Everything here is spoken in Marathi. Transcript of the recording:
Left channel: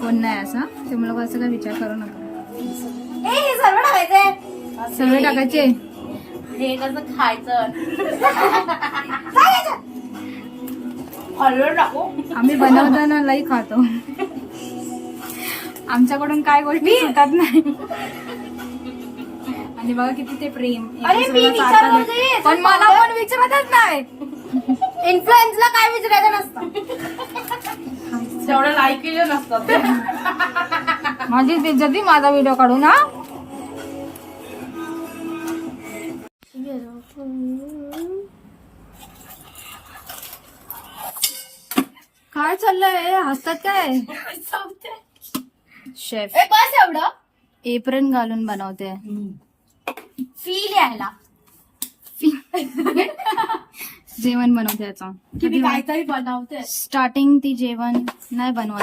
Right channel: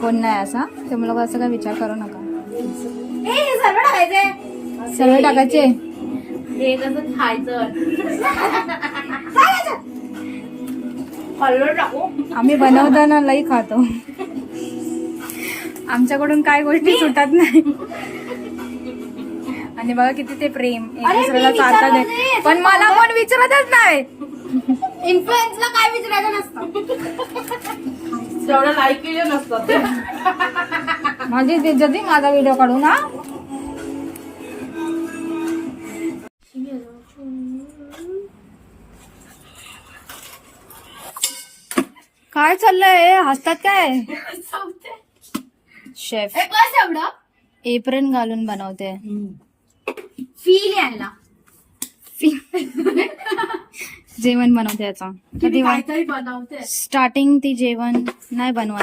कोण नाही असा तुम्ही लोक असं काय विचार करू नका. सर्व टाकायचंय. सर्व टाकायचे. हे कसं खायचं. हलवून टाकू. आम्ही बनवताना लई खातो. आमच्याकडून काय गोष्टी सुटत नाही. आणि बघा किती ते प्रेम एक दुसऱ्याला सारखं दे. पण मला कोण विचारतच नाही. इन्फ्लुएन्सला काय विचारायचं नसतं. जेवढं लाईक केले नसतं. माझी बेइज्जती माझा व्हिडिओ काढून हा. काय चाललंय हसतात काय. शेफ बस एवढं एप्रन घालून बनवते. फील यायला. जेवण बनवते याचा. काहीतरी बनवते. स्टार्टिंग ती जेवण नाही बनवत.